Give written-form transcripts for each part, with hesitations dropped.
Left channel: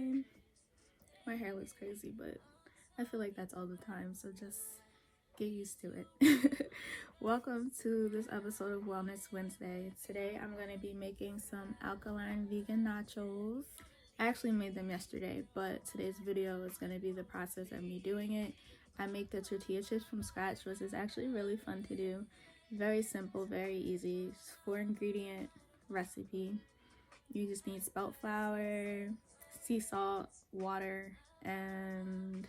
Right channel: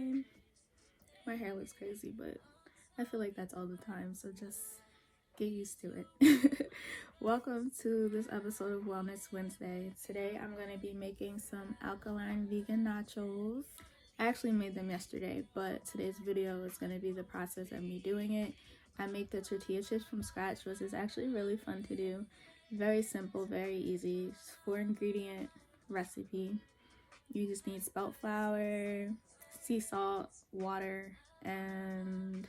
time. My hair looks crazy, but I feel like that's all the time, so just get used to it. Welcome to this episode of Wellness Wednesday. Today I'm going to be making some alkaline vegan nachos. I actually made them yesterday, but today's video is going to be the process of me doing it. I make the tortilla chips from scratch, which is actually really fun to do. Very simple, very easy. 4-ingredient recipe. You just need spelt flour, sea salt, water, and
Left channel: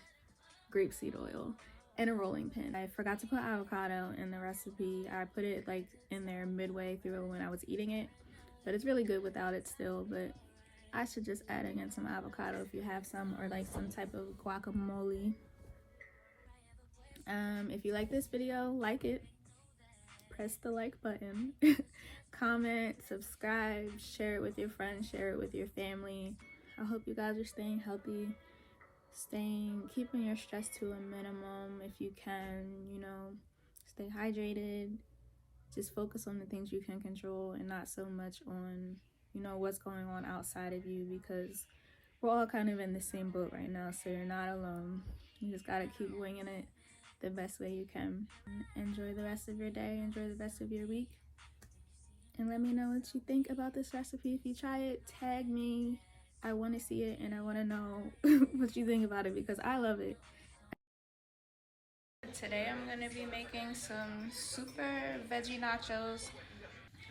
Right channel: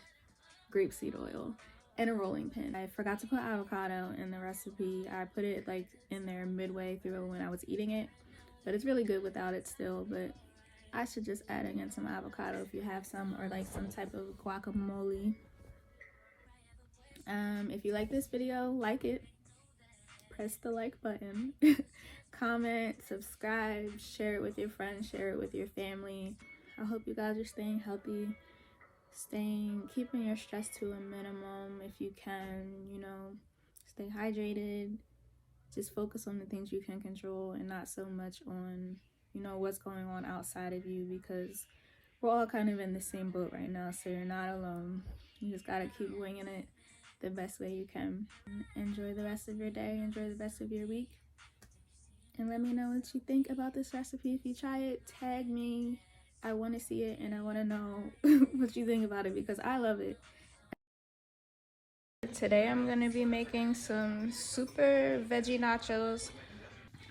grapeseed oil, and a rolling pin. I forgot to put avocado in the recipe. I put it like in there midway through when I was eating it, but it's really good without it still. But I should just add in some avocado if you have some, or like some type of guacamole. If you like this video, like it, press the like button, comment, subscribe, share it with your friends, share it with your family. I hope you guys are staying healthy, keeping your stress to a minimum if you can, stay hydrated. Just focus on the things you can control and not so much on, what's going on outside of you, because we're all kind of in the same boat right now, so you're not alone. You just gotta keep winging it the best way you can. Enjoy the rest of your day, enjoy the rest of your week, and let me know what you think about this recipe. If you try it, tag me. I want to see it and I want to know what you think about it, because I love it. Today I'm going to be making some super veggie nachos.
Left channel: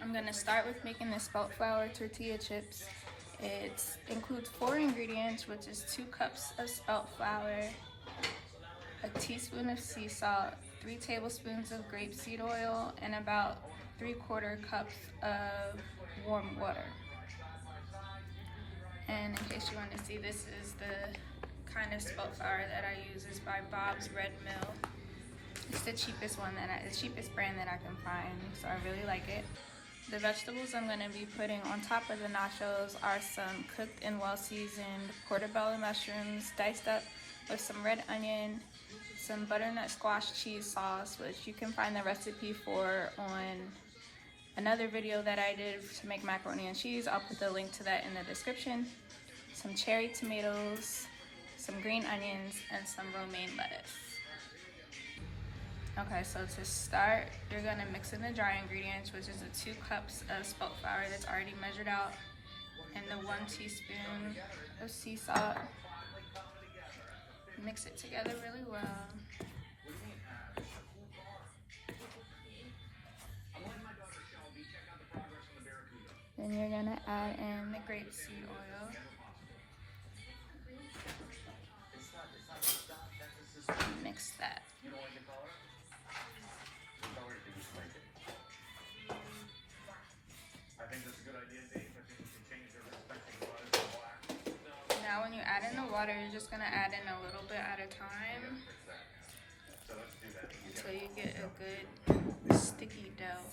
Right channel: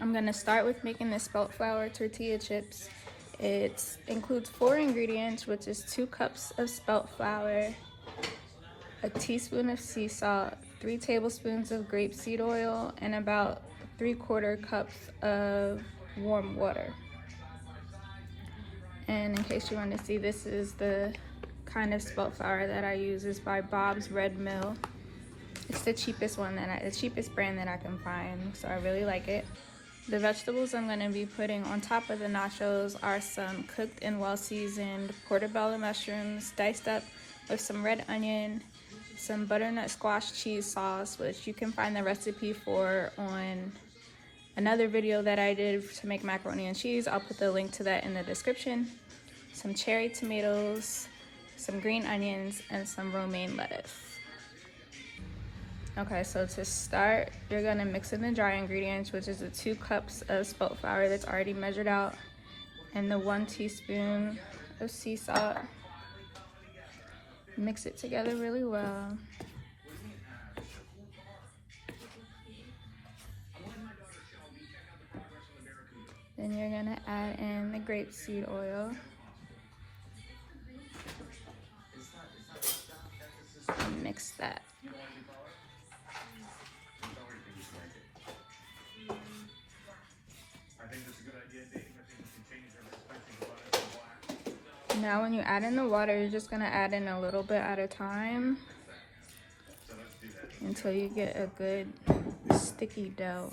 I'm going to start with making the spelt flour tortilla chips. It includes 4 ingredients, which is 2 cups of spelt flour, a teaspoon of sea salt, 3 tablespoons of grapeseed oil, and about 3/4 cups of warm water. And in case you want to see, this is the kind of spelt flour that I use. Is by Bob's Red Mill. It's the cheapest one the cheapest brand that I can find, so I really like it. The vegetables I'm going to be putting on top of the nachos are some cooked and well-seasoned portobello mushrooms, diced up with some red onion, some butternut squash cheese sauce, which you can find the recipe for on another video that I did to make macaroni and cheese. I'll put the link to that in the description. Some cherry tomatoes, some green onions, and some romaine lettuce. Okay, so to start, you're gonna mix in the dry ingredients, which is the 2 cups of spelt flour that's already measured out, and the 1 teaspoon of sea salt. Mix it together really well. Then you're gonna add in the grapeseed oil. Mix that. Now when you add in the water, you're just gonna add in a little bit at a time until you get a good sticky dough.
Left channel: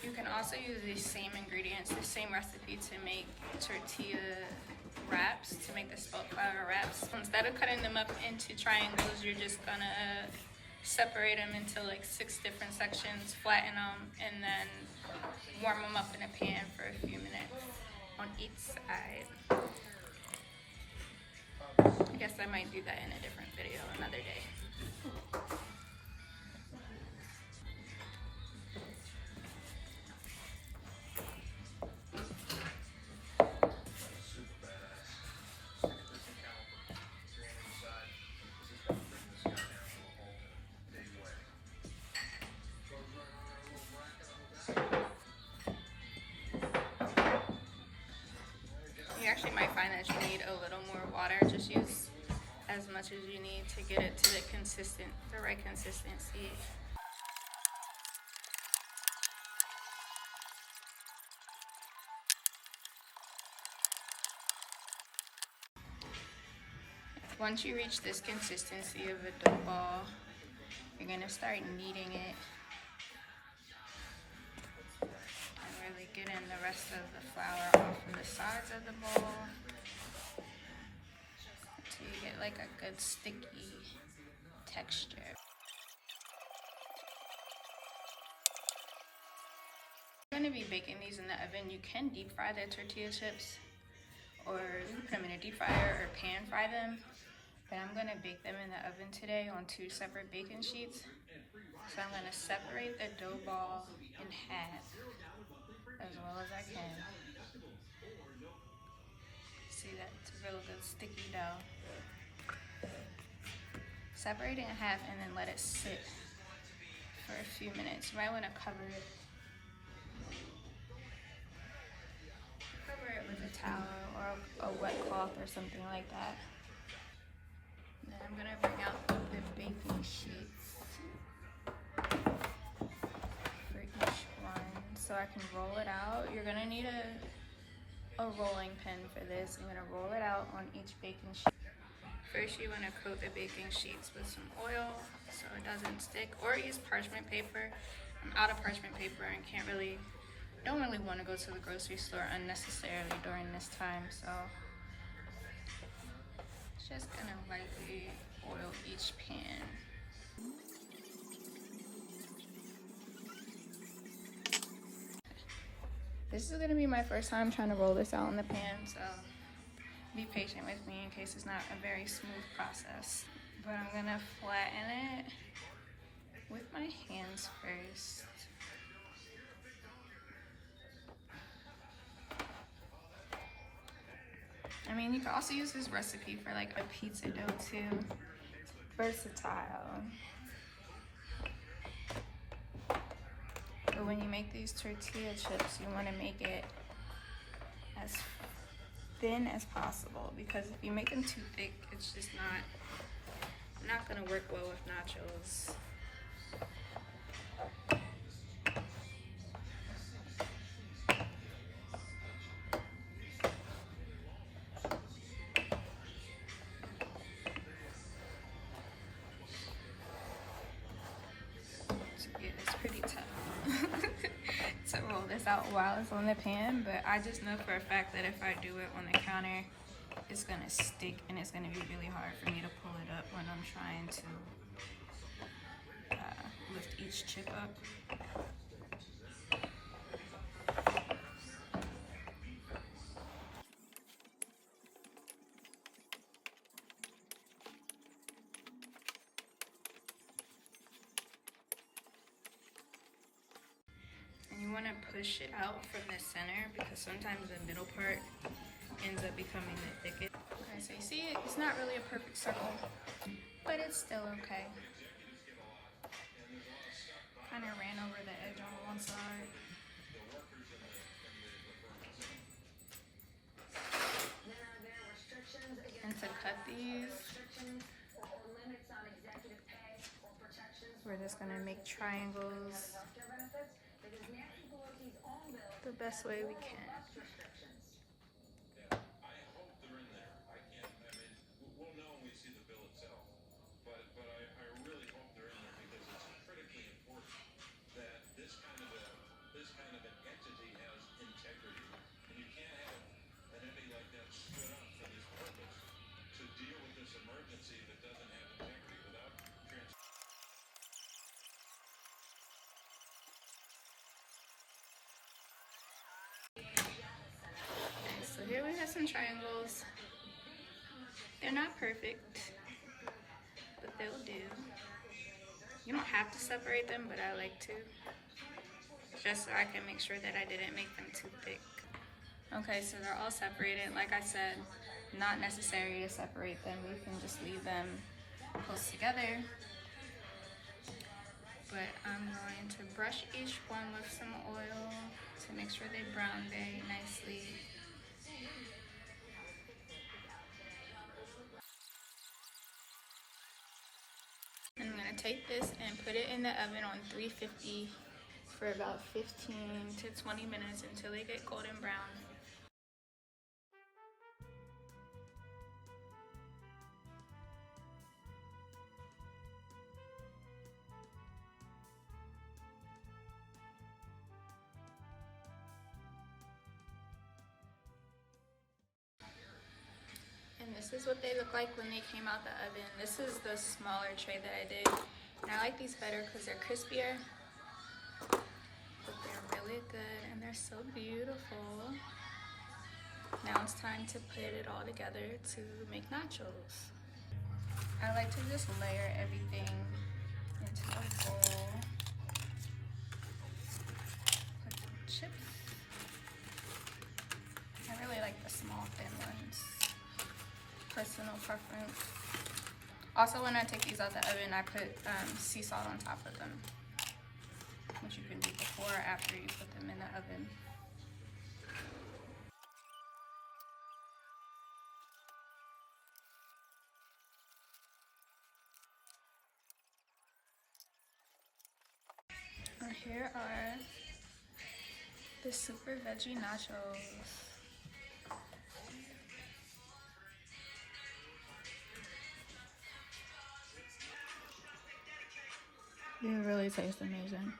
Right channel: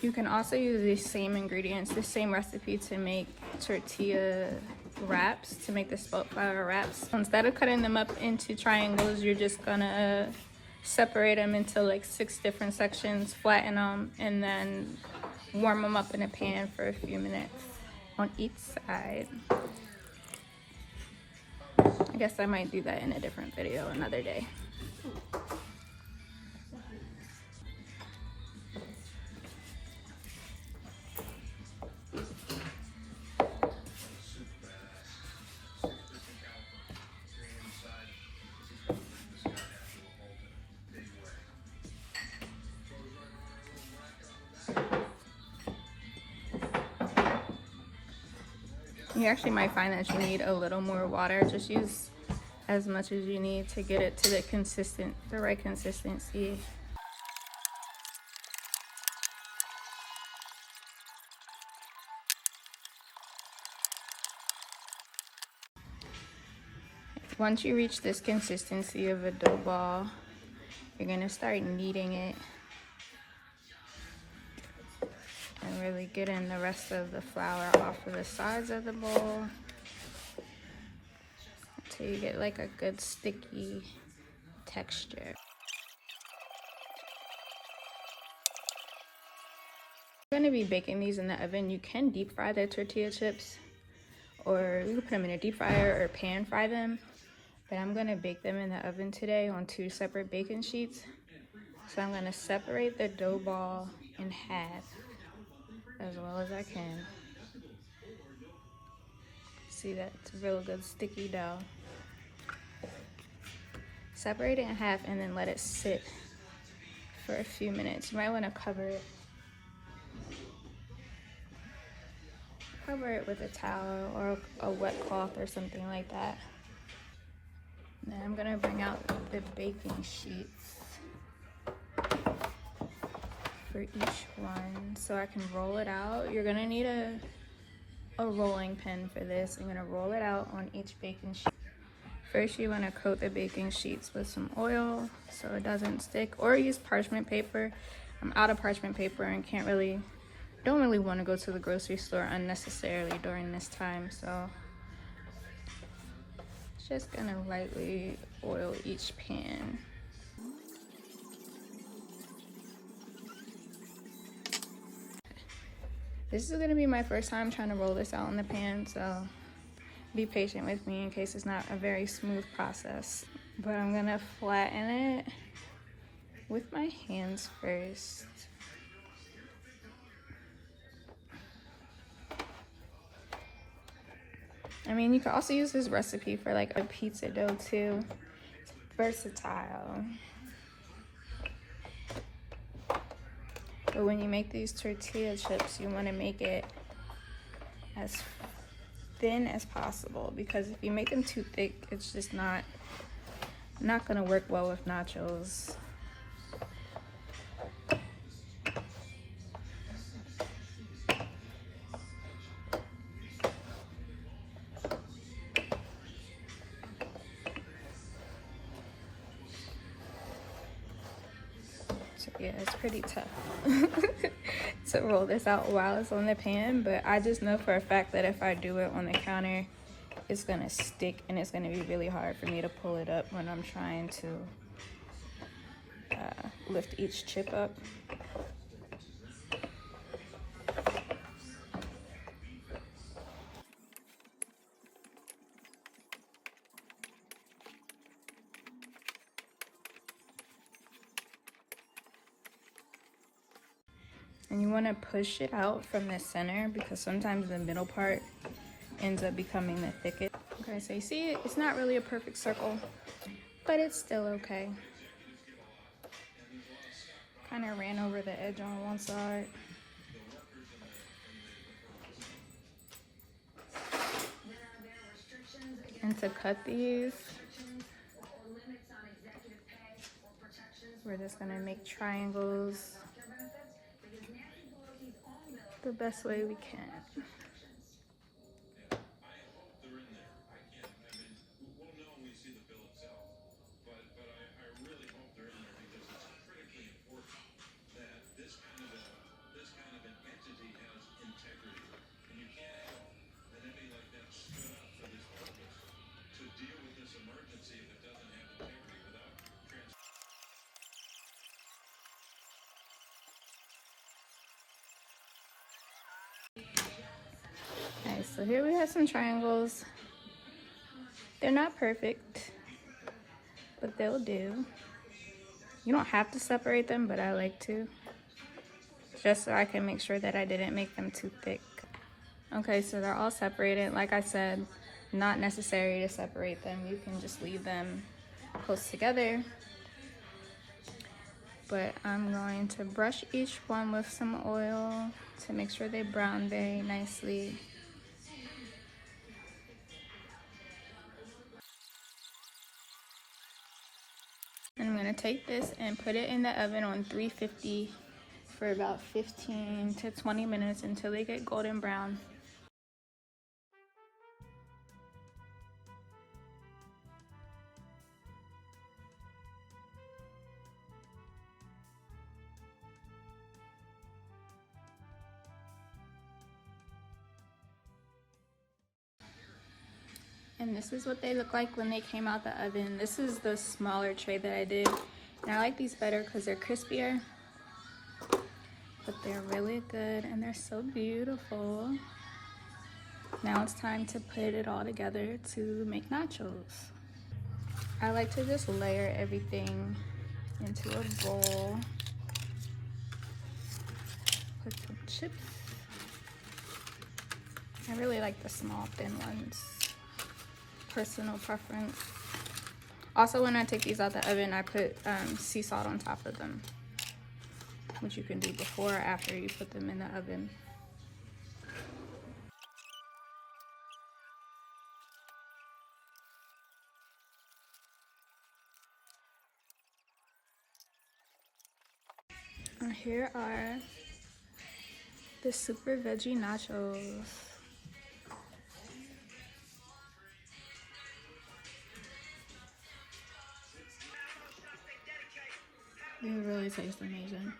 You can also use these same ingredients, the same recipe, to make tortilla wraps, to make the spelt flour wraps. Instead of cutting them up into triangles, you're just gonna separate them into like 6 different sections, flatten them, and then warm them up in a pan for a few minutes on each side. I guess I might do that in a different video another day. You actually might find that you need a little more water. Just use as much as you need to get it to the right consistency. Once you reach this consistency of a dough ball, you're gonna start kneading it and really getting the rest of the flour off of the sides of the bowl until you get like a good sticky texture. I'm going to be baking these in the oven. You can deep fry the tortilla chips, or you can put them in a deep fryer or pan fry them. But I'm going to bake them in the oven today on 2 separate baking sheets. So I'm going to separate the dough ball in half as well as I can. See, that's a real good sticky dough. Separate it in half and then let it sit for a few minutes. You might want to cover it with a towel or a wet cloth or something like that. Now I'm gonna bring out the baking sheets for each one so I can roll it out. You're gonna need a rolling pin for this. I'm gonna roll it out on each baking sheet. First, you wanna coat the baking sheets with some oil so it doesn't stick, or use parchment paper. I'm out of parchment paper and don't really want to go to the grocery store unnecessarily during this time, so just gonna lightly oil each pan. This is gonna be my first time trying to roll this out in the pan, so be patient with me in case it's not a very smooth process. But I'm gonna flatten it with my hands first. I mean, you can also use this recipe for like a pizza dough too. It's versatile. But when you make these tortilla chips, you want to make it as thin as possible, because if you make them too thick, it's just not gonna work well with nachos. Yeah, it's pretty tough to roll this out while it's on the pan, but I just know for a fact that if I do it on the counter, it's gonna stick and it's gonna be really hard for me to pull it up when I'm trying to lift each chip up. And you want to push it out from the center, because sometimes the middle part ends up becoming the thickest. Okay, so you see, it's not really a perfect circle, but it's still okay. Kind of ran over the edge on one side. And to cut these, we're just gonna make triangles the best way we can. Alright, so here we have some triangles. They're not perfect, but they'll do. You don't have to separate them, but I like to, just so I can make sure that I didn't make them too thick. Okay, so they're all separated. Like I said, not necessary to separate them. You can just leave them close together. But I'm going to brush each one with some oil to make sure they brown very nicely. And I'm gonna take this and put it in the oven on 350 for about 15 to 20 minutes until they get golden brown. And this is what they look like when they came out the oven. This is the smaller tray that I did. And I like these better because they're crispier, but they're really good are so beautiful. Now it's time to put it all together to make nachos. I like to just layer everything into a bowl. Put the chips. I really like the small thin ones. Personal preference. Also, when I take these out the oven, I put sea salt on top of them, which you can do before or after you put them in the oven. And here are the super veggie nachos. It really tastes amazing.